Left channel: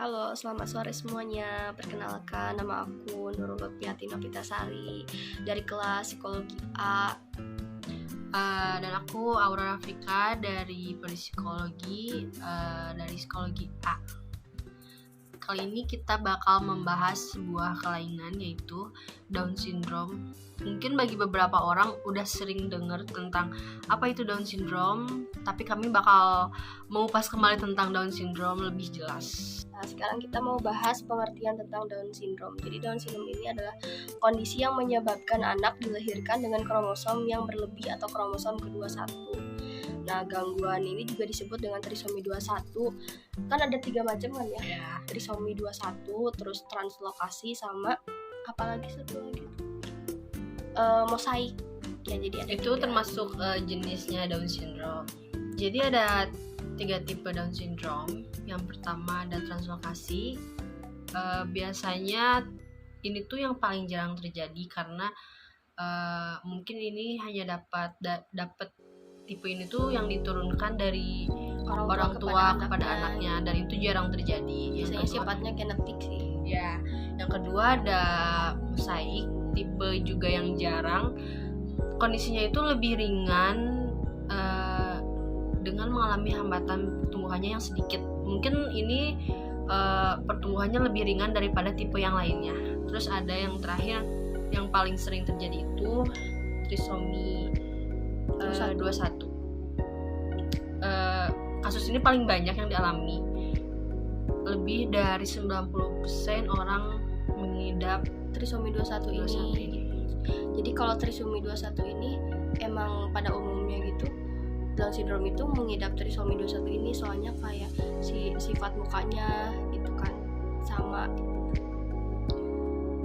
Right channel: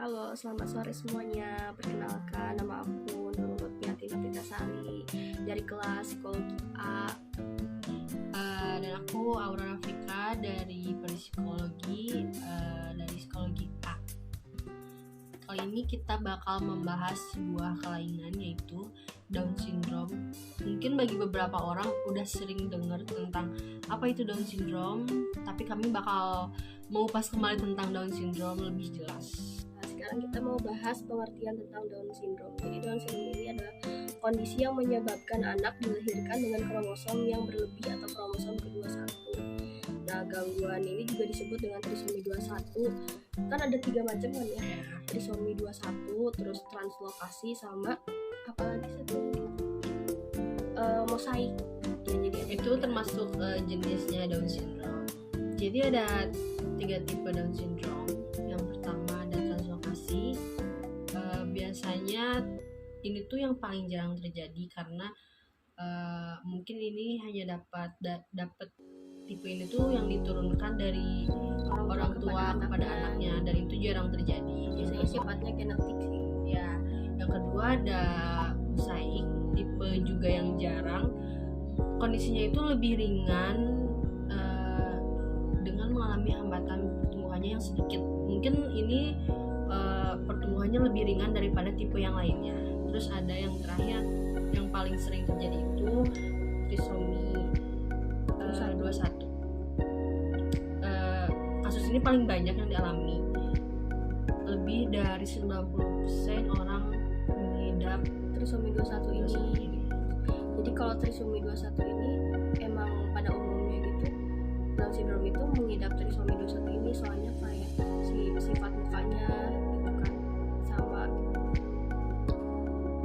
Halo, selamat sore semuanya. Perkenalkan, nama aku Nurul Lutfiati Novitasari dari kelas Psikologi A. Dan aku Aura Rafika dari Psikologi dari Psikologi A. Kali ini kita bakal membahas sebuah kelainan yaitu Down Syndrome. Mungkin bagi beberapa orang udah sering dengar tentang apa itu Down Syndrome, tapi kami bakal mengupas kembali tentang Down Syndrome lebih jelas. Nah, sekarang kita mau bahas pengertian tentang Down Syndrome. Jadi Down Syndrome ini adalah kondisi yang menyebabkan anak dilahirkan dengan kromosom yang berlebih atau kromosom ke-21. Nah, gangguan ini juga disebut dengan trisomi 21. Kan ada 3 macam kan ya? Trisomi 21, terus translokasi, sama apalagi satu lagi? Mosaik. Ya, jadi ada itu 3. Termasuk jenisnya Down Syndrome. Jadi ada 3 tipe Down Syndrome. Yang pertama ada translokasi. Biasanya ini tuh yang paling jarang terjadi karena mungkin ini hanya dapat tipe ini tuh yang diturunkan dari orang tua kepada anaknya, dan itu jarang terjadi. Biasanya sifatnya genetik sih. Ya, yang kedua ada mosaik, tipe juga yang jarang. Kondisinya itu lebih ringan dengan mengalami hambatan pertumbuhannya yang sedikit. Mungkin ini pertumbuhannya lebih ringan daripada tipe yang lainnya. Terus ada yang terakhir yang paling sering terjadi itu trisomi 21. Kasus ini paling banyak yang dialami. Lebih dari 90% orang mengidap trisomi 21 ini. Jadi kalau trisomi 21 ini emang pada umumnya gitu, Down syndrome itu mengidap trisomi 21 ini soalnya kayak sifat mukanya gitu kan sama.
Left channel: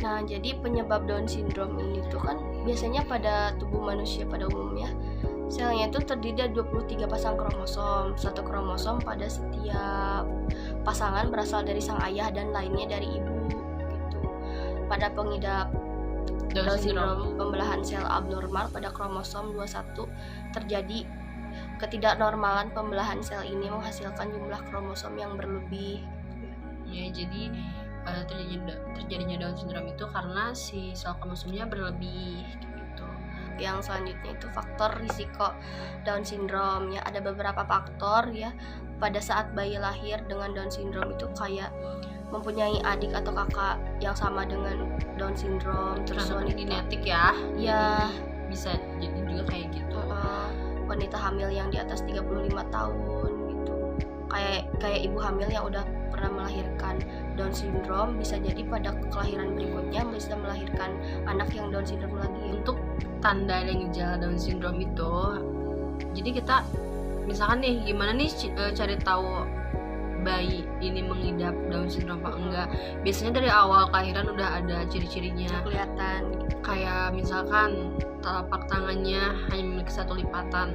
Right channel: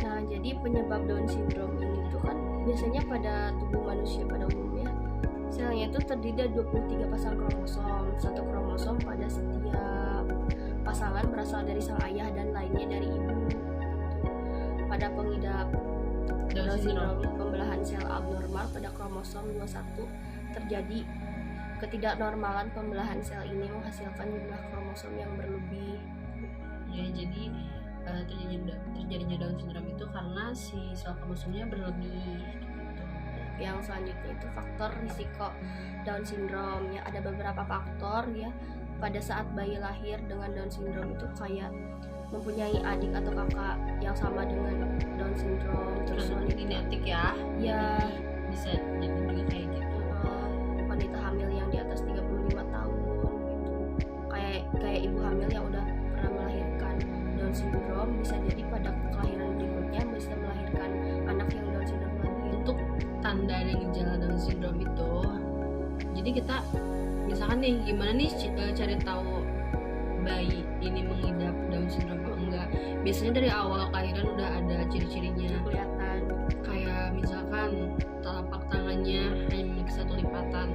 Nah, jadi penyebab Down syndrome ini tuh kan biasanya pada tubuh manusia pada umumnya selnya itu terdiri dari 23 pasang kromosom. Satu kromosom pada setiap pasangan berasal dari sang ayah dan lainnya dari ibu gitu. Pada pengidap Down syndrome, pembelahan sel abnormal pada kromosom 21 terjadi. Ketidaknormalan pembelahan sel ini menghasilkan jumlah kromosom yang berlebih. Ya, jadi terjadinya Down syndrome itu karena si sel kromosomnya berlebih gitu. Yang selanjutnya itu faktor risiko Down syndrome. Ya, ada beberapa faktor ya pada saat bayi lahir dengan Down syndrome itu kayak mempunyai adik atau kakak yang sama dengan Down syndrome, terus wanita genetik ya. Ya, bisa jadi juga kayak gitu. Wanita hamil yang di atas 35 tahun gitu. Kayak ibu hamil yang udah pernah melahirkan Down syndrome bisa jadi pada kelahiran berikutnya bisa melahirkan anak yang Down syndrome lagi. Untuk tanda dan gejala Down syndrome itu, jadi kita misalkan nih gimana nih cari tahu bayi ini mengidap Down syndrome apa enggak. Biasanya dari awal kelahiran udah ada ciri-cirinya kelihatan. Kayak misalkan telapak tangannya hanya memiliki 1 lipatan,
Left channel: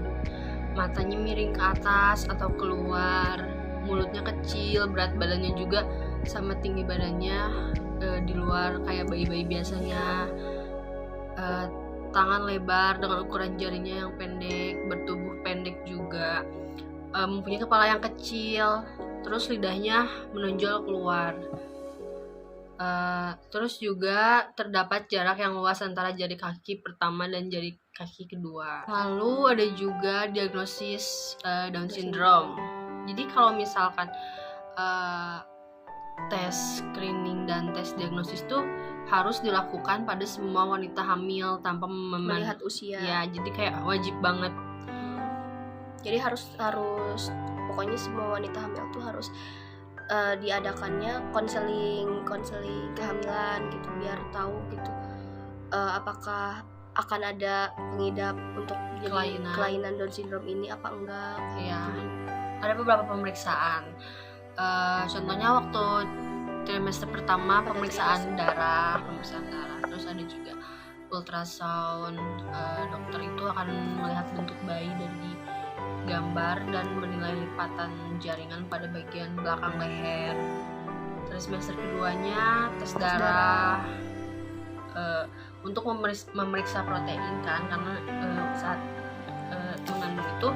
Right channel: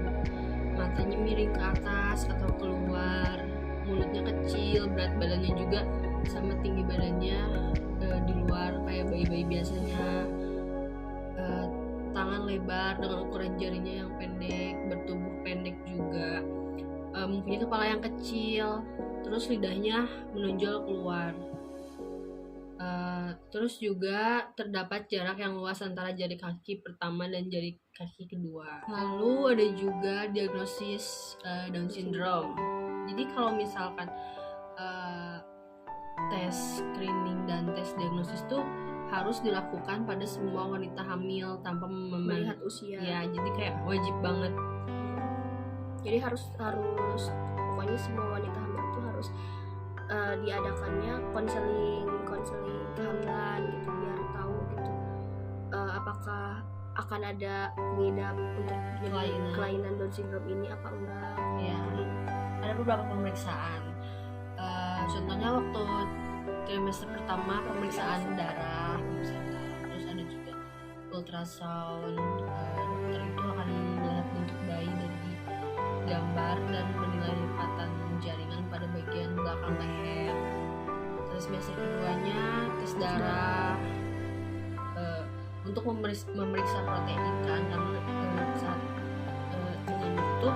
matanya miring ke atas atau keluar, mulutnya kecil, berat badannya juga sama tinggi badannya di luar kayak bayi-bayi biasanya. Tangan lebar dengan ukuran jarinya yang pendek, bertubuh pendek juga, mempunyai kepala yang kecil, terus lidahnya menonjol keluar. Terus juga terdapat jarak yang luas antara jari kaki pertama dan jari kaki kedua. Lalu ada juga diagnosis Down syndrome. Jadi kalau misalkan tes screening dan tes diagnosis tuh harus dilakukan pada semua wanita hamil tanpa melihat usia. Ya, jadi kayak wajib banget. Jadi harus pokoknya semua wanita hamil tuh harus diadakannya konseling kehamilan gitu biar tahu gitu apakah akan ada pengidap untuk kelainan Down syndrome ini apa enggak. Ya, ada beberapa pemeriksaan. Contohnya waktu trimester pertama pemeriksaan darah, terus ada juga ultrasound. Dokter itu akan melihat bentuk bayi dari gambar dan menilai lipatan jaringan pada bagian belakang leher. Terus semester keduanya tes darah untuk memeriksa protein kan, karena saat mengandung itu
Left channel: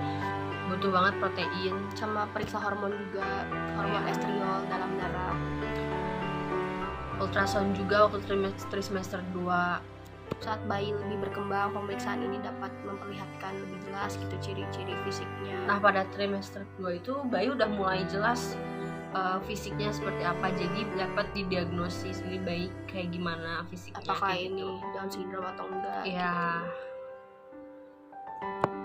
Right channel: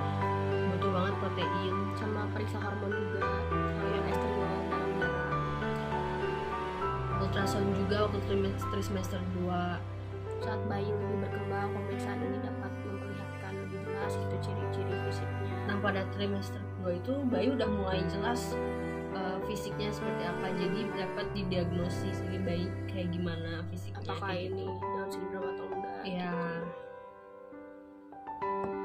butuh banget protein. Sama periksa hormon juga, hormon estriol dalam darah. ultrasound juga waktu trimester 2. Saat bayi lebih berkembang, pemeriksaan ini dapat memperlihatkan lebih jelas gitu ciri-ciri fisiknya. Nah, pada trimester 2 itu bayi udah mulai jelas fisiknya seperti apa, jadi dapat didiagnosis ini bayi kayak gimana fisiknya, apakah kayak ini gitu. Down syndrome atau enggak Ya. gitu.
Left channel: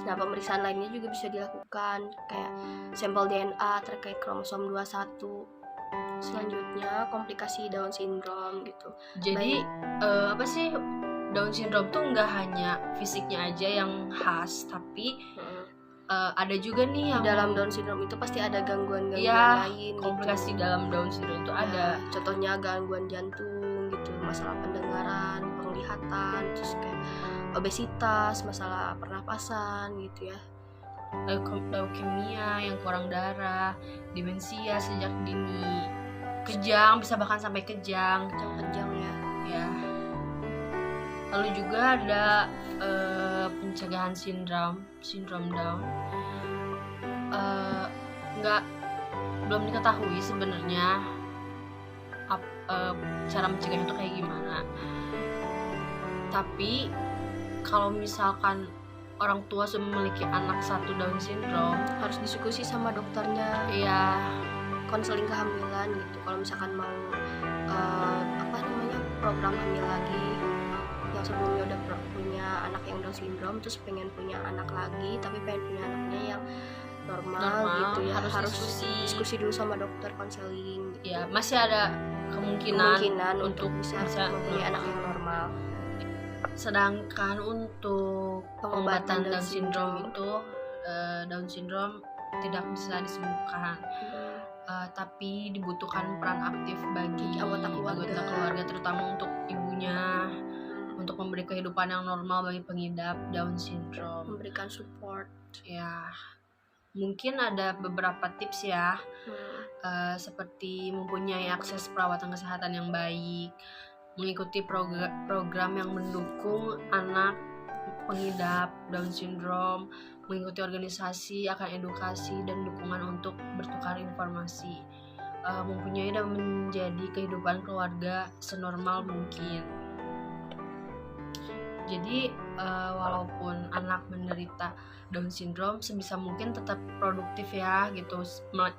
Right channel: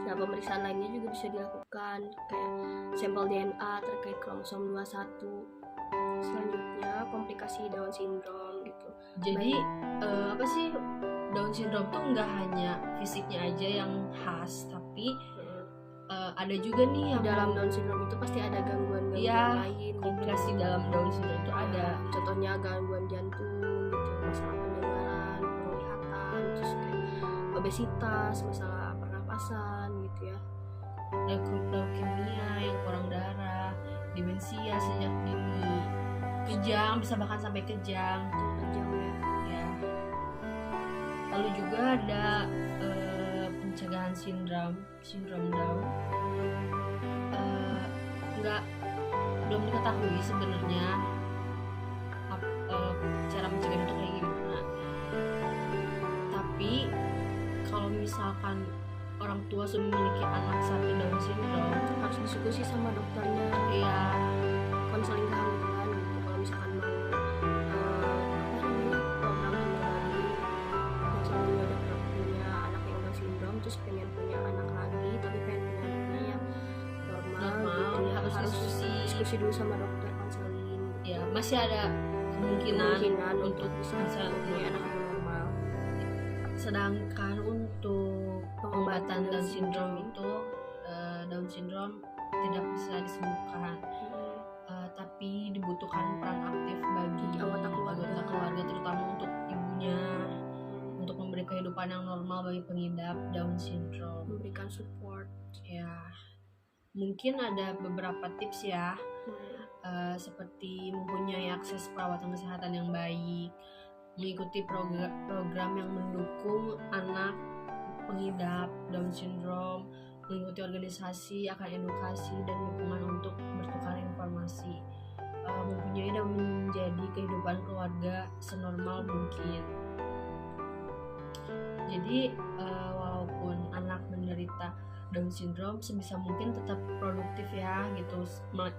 Nah, pemeriksaan lainnya juga bisa dilakukan kayak sampel DNA terkait kromosom 21. Selanjutnya komplikasi Down syndrome gitu. Jadi apa sih, Down syndrome tuh nggak hanya fisiknya aja yang khas, tapi ada juga nih yang di dalam Down syndrome itu pasti ada gangguan-gangguan ya, lain komplikasi gitu. dalam Down syndrome itu ada. Contohnya gangguan jantung gitu, masalah pendengaran, penglihatan, terus kayak obesitas, masalah pernapasan gitu ya. Leukemia yang kurang darah, demensia sejak dini, kejang, bisa bahkan sampai kejang Kejang ya. ya. Lalu juga ada pencegahan sindrom Down. Belum diketahui sebenarnya cara mencegahnya itu kayak gimana. Tapi kalau misalkan orang tua sudah memiliki anak satu Down syndrome, harus diskusi sama dokternya. Iya. Konseling kehamilan gitu. Kalau misalkan mau program hamil lagi, yang sebelumnya udah punya anak yang Down syndrome terus pengen punya anak lagi tapi pengen punya anaknya yang normal gitu ya, harus diskusi dulu sama dokter, konseling gitu. Ya, masih ada kemungkinan untuk bisa mempunyai anak yang normal. Sedangkan untuk pengobatan Down syndrome itu Down syndrome tidak bisa disembuhkan. Tapi dibutuhkan peran aktif bagi anggota keluarga, terutama untuk ibunya, untuk memberi kehidupan yang normal bagi pengidap Down syndrome, memberikan support. Ya, mungkin ada beberapa tips ya, seperti mempunyai akses perawatan kesehatan yang baik, mengikuti program yang mendukung anak pengidap Down syndrome, mengikuti organisasi akan edukasi dan dukungan untuk bertukar informasi, mempunyai dan menjadi kehidupan keluarga senormal mungkin. Jadi walaupun anak menderita Down syndrome, sebisa mungkin tetap produktif ya gitu,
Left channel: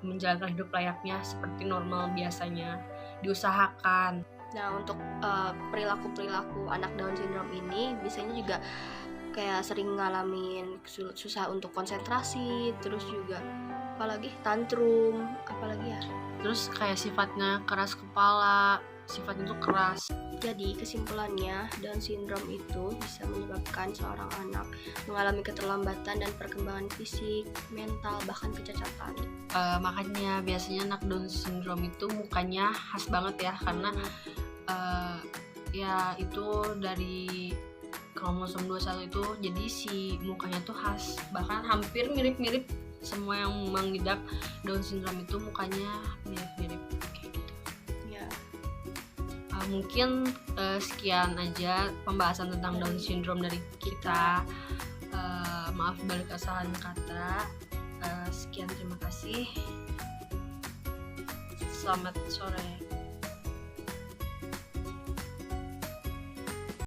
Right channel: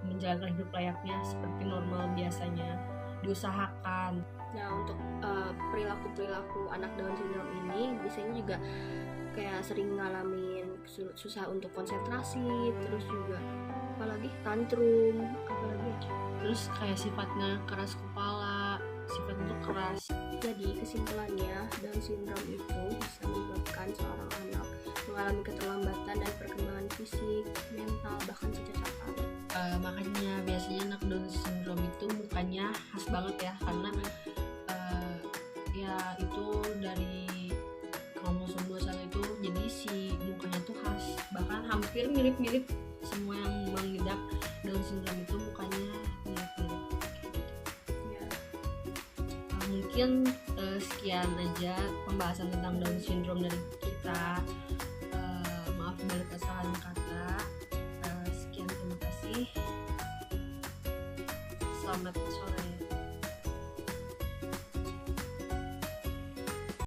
menjalankan hidup layaknya seperti normal biasanya, diusahakan. Nah, untuk perilaku anak Down syndrome ini biasanya juga kayak sering ngalamin susah untuk konsentrasi, terus juga apalagi tantrum, apalagi ya, terus kayak sifatnya keras kepala, sifatnya tuh keras. Jadi kesimpulannya, Down syndrome itu bisa menyebabkan seorang anak mengalami keterlambatan dan perkembangan fisik, mental, bahkan kecacatan. Makanya biasanya anak Down syndrome itu mukanya khas banget ya, karena ya itu dari kromosom 21 itu, jadi si mukanya tuh khas, bahkan hampir mirip-mirip. Semua yang mengidap Down syndrome itu mukanya mirip-mirip kayak gitu ya. Mungkin sekian aja pembahasan tentang Down syndrome dari kita. Maaf balik kesalahan kata. Sekian, terima kasih, selamat sore.